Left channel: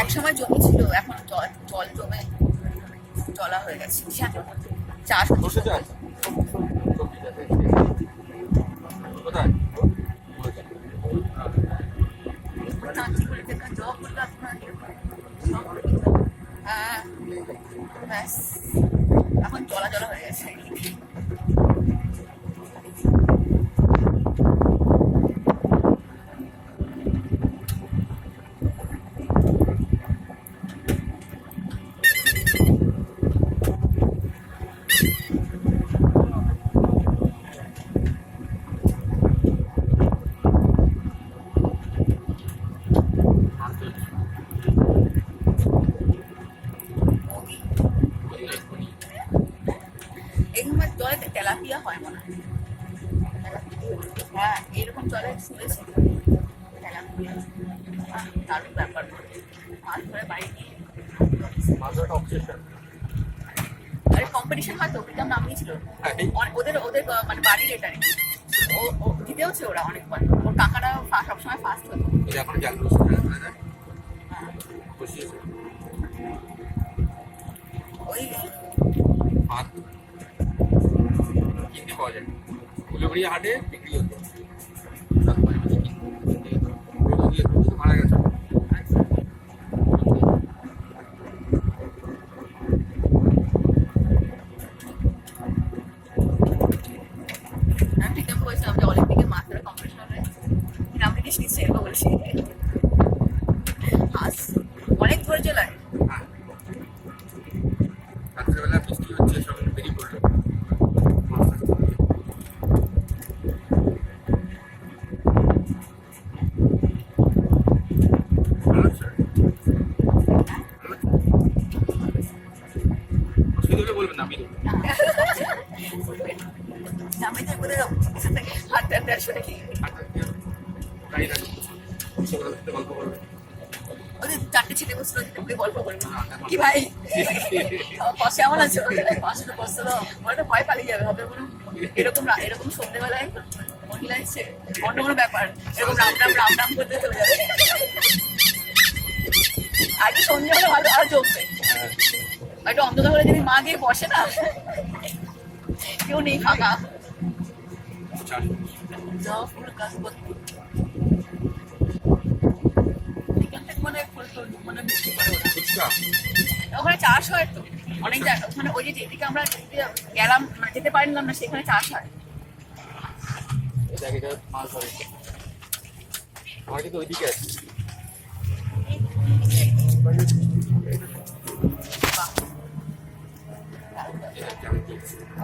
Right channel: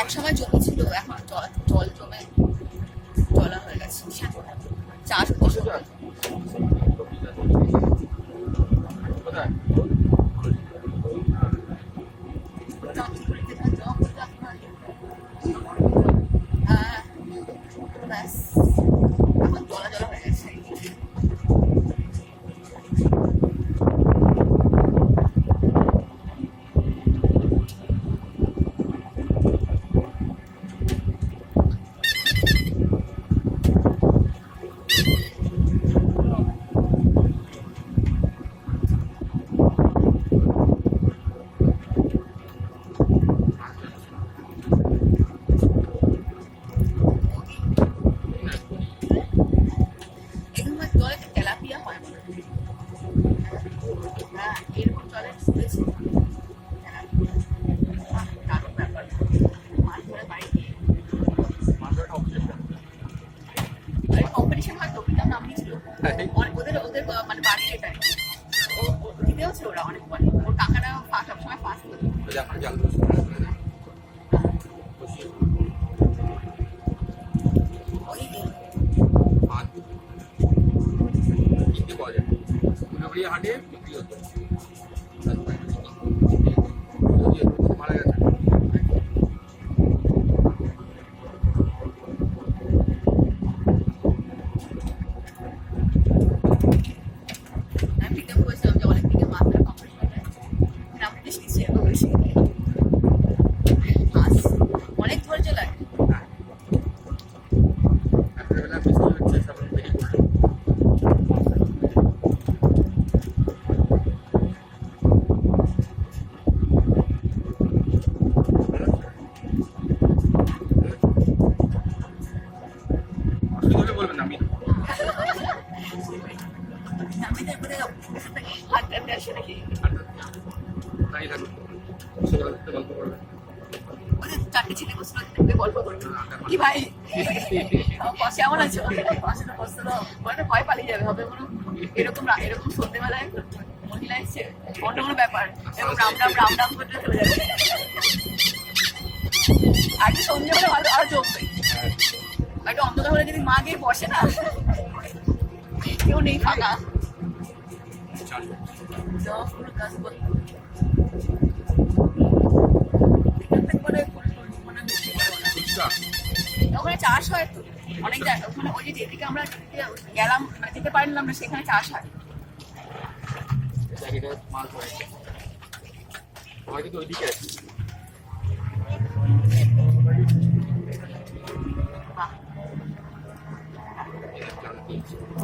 এক সময় জমি ছিল, এখন জল জমে জলা হয়ে গেছে। চাষ হচ্ছে হ্যাঁ, ব্যাস এখন জলা জলা হয়ে গেছে। এখানে জলে তেলাপিয়া হয় না। হ্যাঁ, এরকম জলে শুনেছি তেলাপিয়া দারুণ ব্যাপার। মাছ ধরে বাড়ি নিয়ে আরে কম্পিটিশন হয় তো, ওটা নাম নিয়েছিল ওদের ওদের মানে বাড়ির এটাই। ও জিতেওছে ওরা অনেকবার, ওর কাকারা সবসময় ফার্স্ট হতো। ওই কিনতে পাওয়া যায় উলুবেড়িয়া হাটে বিক্রি হতো। মারা গেছে। আমি ঠিক বলেছিলাম যে অলিম্পিকে মাছ ধরা কম্পিটিশন হবে, আমি বেশ নিশ্চয়ই এরকম বলেছি। মাছ অনেক ধৈর্য লাগে। রাত্রিবেলা বৃষ্টি হচ্ছে, সব বেরিয়ে পড়লো। অসুবিধা হলে বলবেন, আমি আমি তো করে হাত টাতে আসলে তাই থাকুন, সেগুলো গল্প করবে। ওদের চারটে ছেলে বসলো, গল্প করবে কি ভাই পাশে এমন আছো, পাশে তো বসতে দাও, ভয় পালিয়ে যাবে। হবে কোনো এরকম এরকম সন্ধ্যেবেলায় মহিলা এসছে, অন্য কোনো ব্যাপার এরকম রাম করতে চলে যাবে। আগে সন্ধ্যেবেলা ভালো আরো জমবে, একটা অন্ধকার হলে যদি মা গিয়ে বসে না, কেউ নেই ফাঁকা, ফুল কাজ করতে মানে ওখানে চাষ হয় তো অনেক জায়গা। ওখানে ওই যে যেদিকে আমরা গেলাম যেতে পারলাম না, সেখানে চাষ হয়। মাছ ধরে হয়তো ওইদিকে আছে।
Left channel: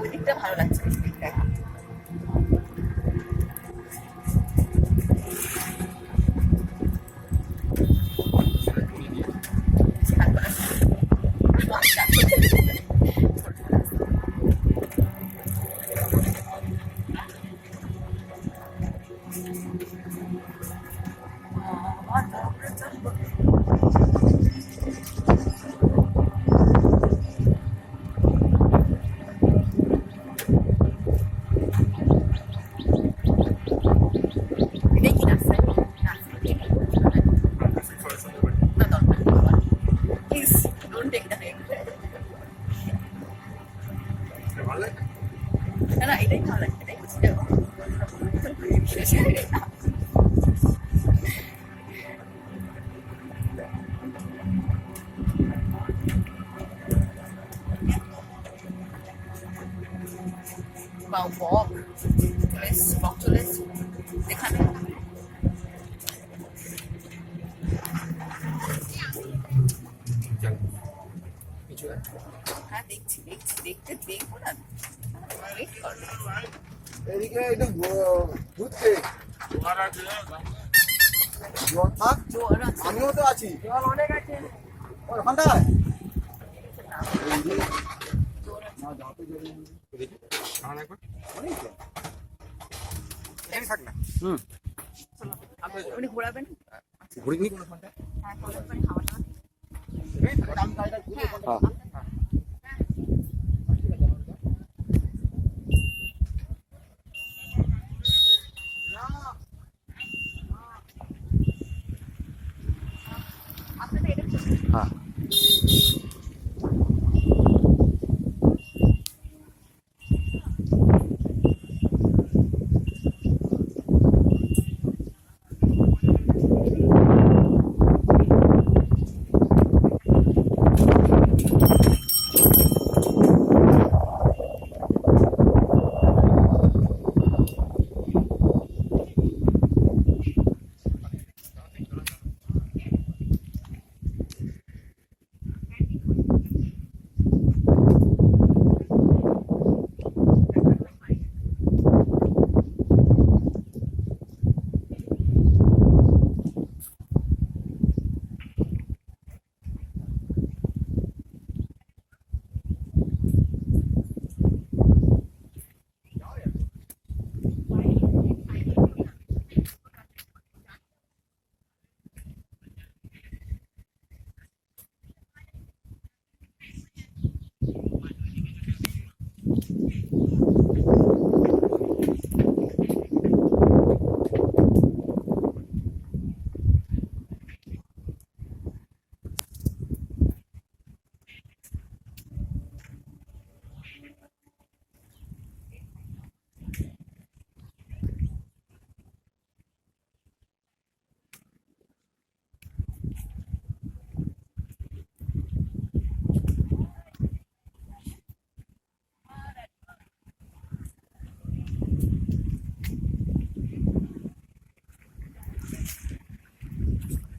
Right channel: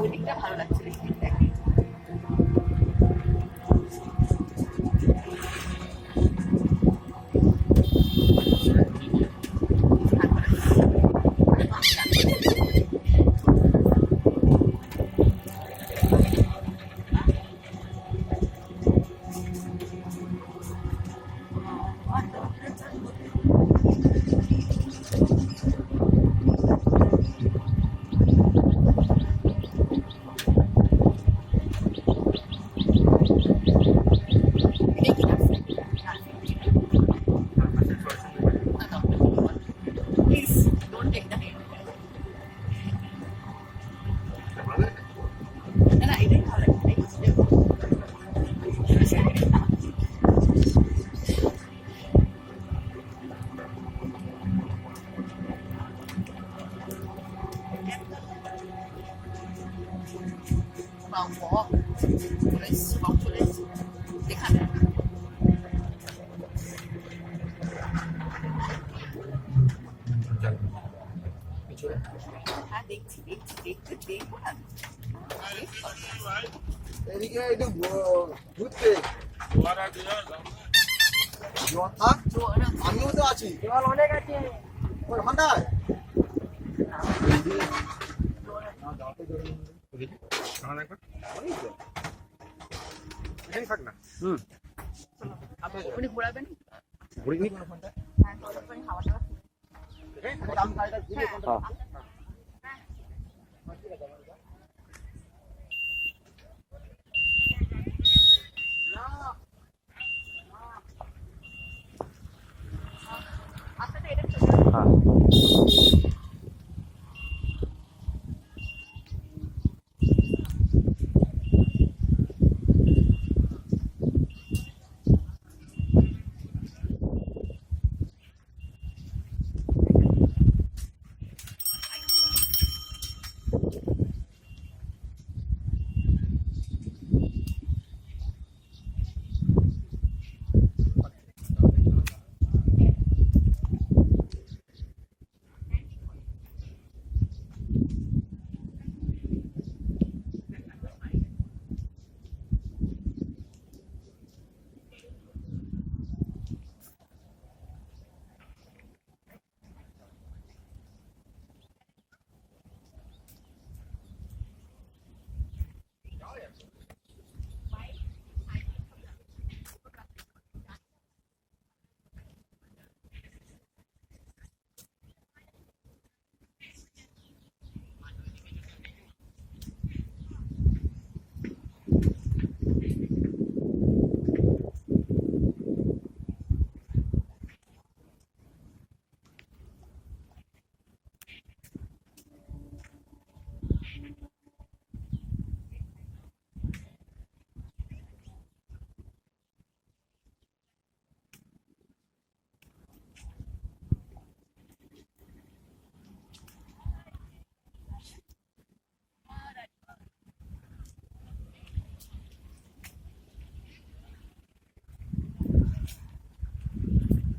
ওই দিকটা ভালো লাগছে। Please don't take the name. না এটাই ভালো লাগে, এটাই চলে এখানে হ্যাঁ দেখছি দেখবো না। এদিকে একটু ঘুরতে আমিও তো আছি ওখানটায়। থাক না উনি ঘোরাবেন। ঘুরিনি হ্যাঁ খাওয়া আপনাদের এটা চলে হ্যাঁ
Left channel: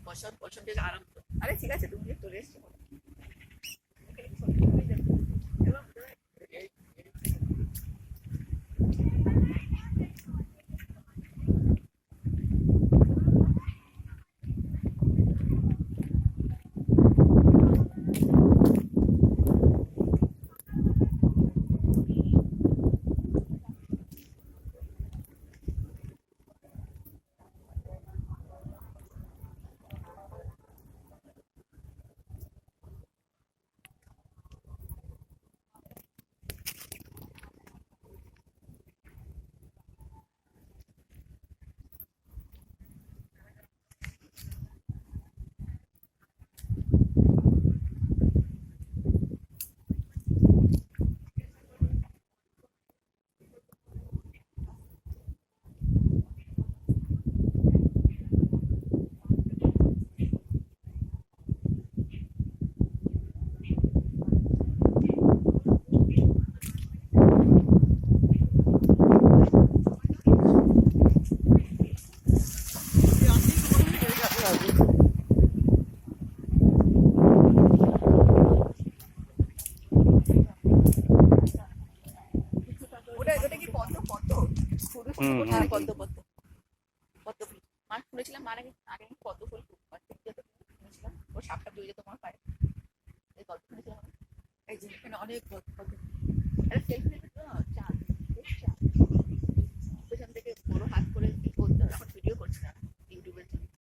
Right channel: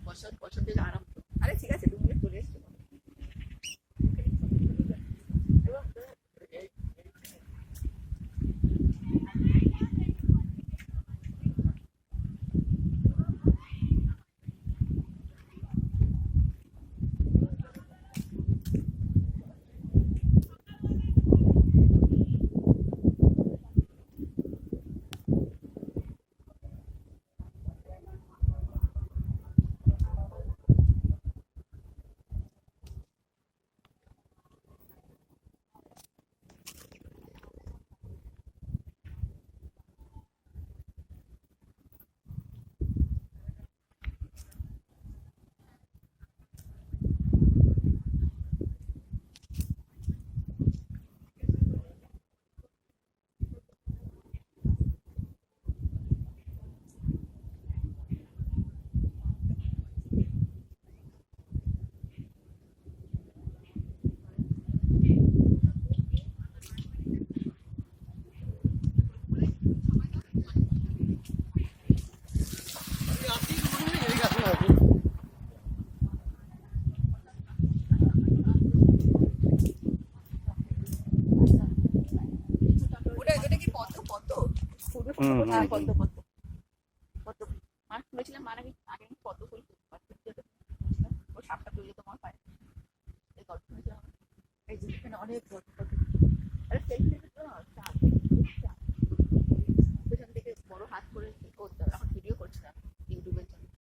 বসার দিকে আরাম করো। আরে ঠিক আছে তুমি চলে এসছো ওটা কি পদ্ম পদ্ম ফুল হুম, হুম, আরে হুম। পদ্ম পদ্ম পদ্ম ফুল মার খুলেছিলাম মার আগে আগে আমি পদ্ম ফুল খুলেছিলাম ও সাপটা তুলে তোমার পায়ে এই গল্প শুনেছিলাম এই যে এখানে অনেক পদ্ম আরে সেলফি